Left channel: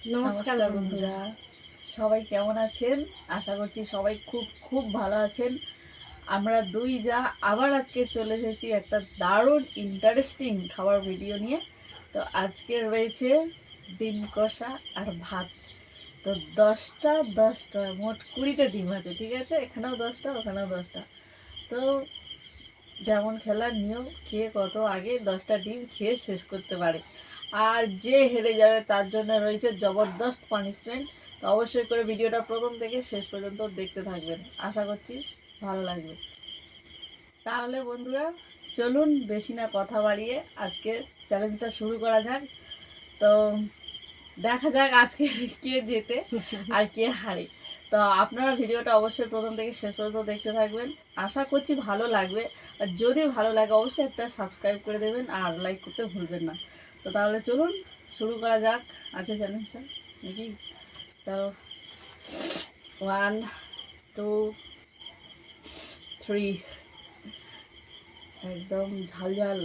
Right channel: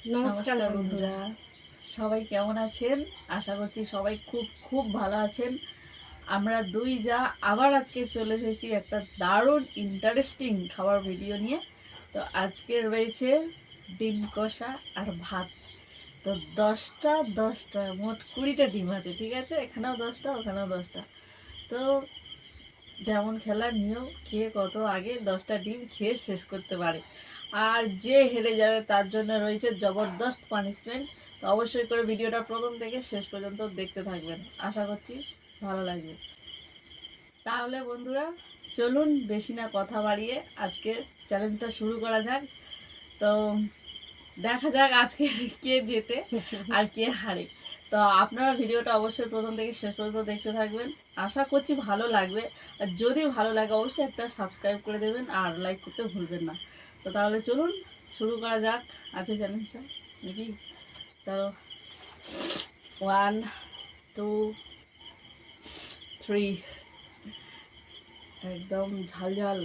নমস্কার নমস্কার বন্ধুরা। বন্ধুরা, সবাই কেমন আছেন? আশা করছি সবাই খুব খুব ভালো আছেন। আমরা দুই যা আবার আজকে চলে এসেছি একটা দারুণ ইন্টারেস্টিং খাবার ভিডিও নিয়ে। তো আজকে রয়েছে ডিম কষা আর ভাত। তো 10টা মোট 20টা ডিম আছে, ঠিক আছে? এখানেও 10টা, ওখানেও 10টা। তো যেমন খেলার নিয়ম, খেয়ে কত আগে 10টা ডিম খেয়ে শেষ করতে পারে। আর যে হেরে যাবে তার জন্য রয়েছে জবরদস্ত পানিশমেন্ট। তো অবশ্যই করে ভিডিওটা প্রথম থেকে শেষ পর্যন্ত দেখতে থাকবেন, আশা করছি ভালো লাগবে। তাহলে বন্ধুরা, চলুন বেশি না কথা বাড়িয়ে আজকে চ্যালেঞ্জটা শুরু করা যাক। তো দেখা যাক আজকে কে জেতে আর কে হারে। তো আপনারা ভিডিওটা অবশ্যই প্রথম থেকে শেষ পর্যন্ত দেখতে থাকবেন, আশা করছি ভালো লাগবে। আর যদি ভালো লাগে অবশ্যই একটা সাবস্ক্রাইব করে দেবেন আর লাইক করতে ভুলবেন না। তো তাহলে চলুন শুরু করা যাক আজকে চ্যালেঞ্জটা, নাকি? তো 1, 2, 3, একদম ঝাল ঝাল।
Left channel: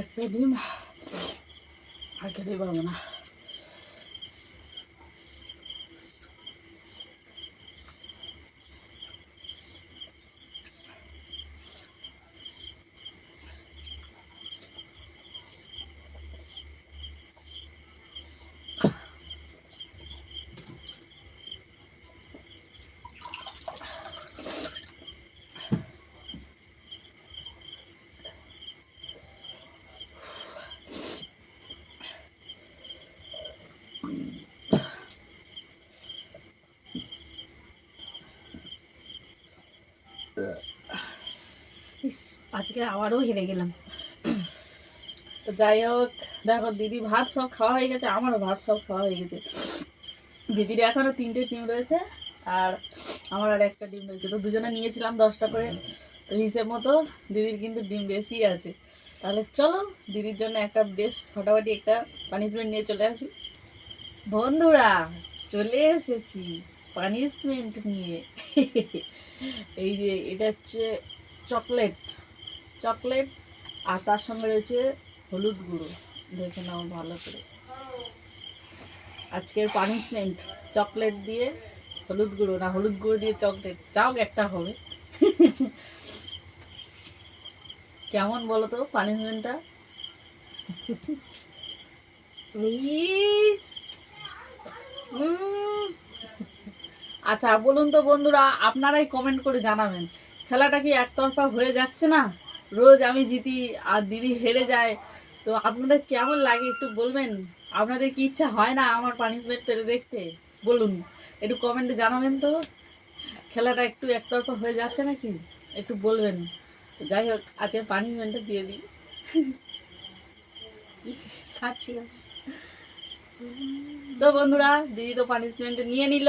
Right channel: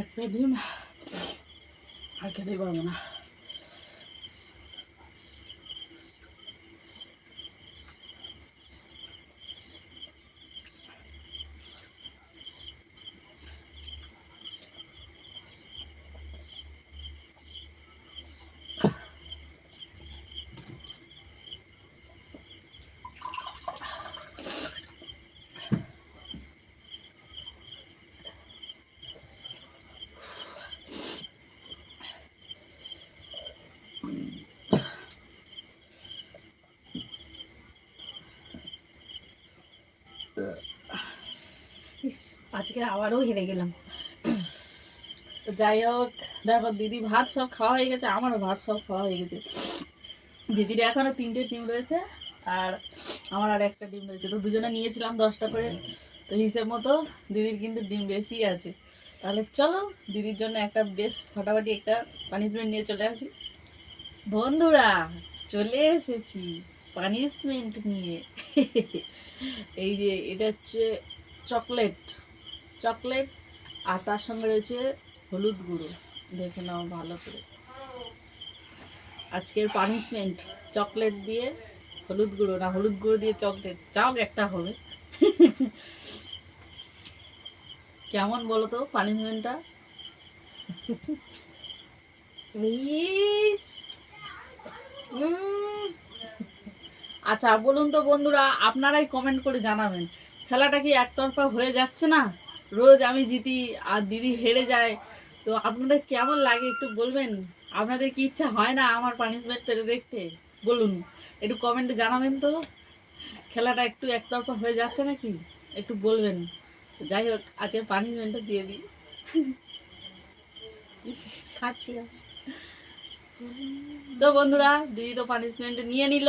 একটা ডিম আর খেতেই পারবো না। আজকে আবারও হেরে গেলাম। তো যাই হোক, দেখো দিদি ভাত সব খাওয়া হয়ে গেছে, আমারও ভাত সব খাওয়া হয়ে গেছে। দিদির এখনো 3টে ডিম রয়েছে আর আমার আর একটা ডিম রয়েছে। তো দুজনে নিয়েছিলাম 10টা করে, তো হিসেব মতো দিদির কিন্তু ডিম বেশি আছে। তাহলে চলো দিদির জন্য একটা বেশ ফাটাফাটি একটা পানিশমেন্ট নিয়ে চলে আসি। বন্ধুরা, চলে এসেছি পানিশমেন্ট নিয়ে। এই যে এটা হচ্ছে চকলেট, চকলেট আর তার সঙ্গে রয়েছে হলুদ গুঁড়ো। দেখে নাও ভালো করে। আজকের পানিশমেন্ট চকলেট দিয়ে হলুদ গুঁড়ো, না হলুদ গুঁড়ো দিয়ে চকলেট, যাও একটা হবে। কেমন বলো তো পানিশমেন্টটা? ইস, আচ্ছা বলুন তো বন্ধুরা, আপনারাই কমেন্ট করে জানাবেন, খেলাটা কি একতরফা হয়ে যাচ্ছে না? রোজ আমি জিতি আর দিদি হেরে যায়। তো আপনাদের কেমন লাগে একটু বলবেন? আপনাদের কি ইচ্ছা হয় না আমার পানিশমেন্ট পেতে দেখতে? বলুন, একটু কমেন্টে জানাবেন তো, খেলাটা একটু একতরফা হয়ে যাচ্ছে নাকি, একটু বলবেন। তো যাই হোক, আজকে পানিশমেন্টটা দিয়ে দিই। ইস, খাচ্ছি না। তো বন্ধুরা, দিদি তো পানিশমেন্ট নিয়ে নিল।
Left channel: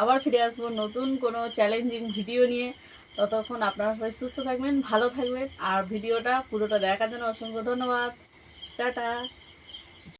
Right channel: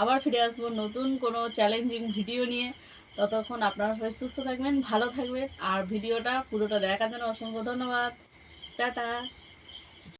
আবার ফিরে আসবো নতুন কোনো চ্যালেঞ্জিং ভিডিও নিয়ে। ততক্ষণ আপনারা সবাই সুস্থ থাকবেন, ভালো থাকবেন, আর ভিডিওটা পুরোটা দেখার জন্য অসংখ্য ধন্যবাদ। টাটা।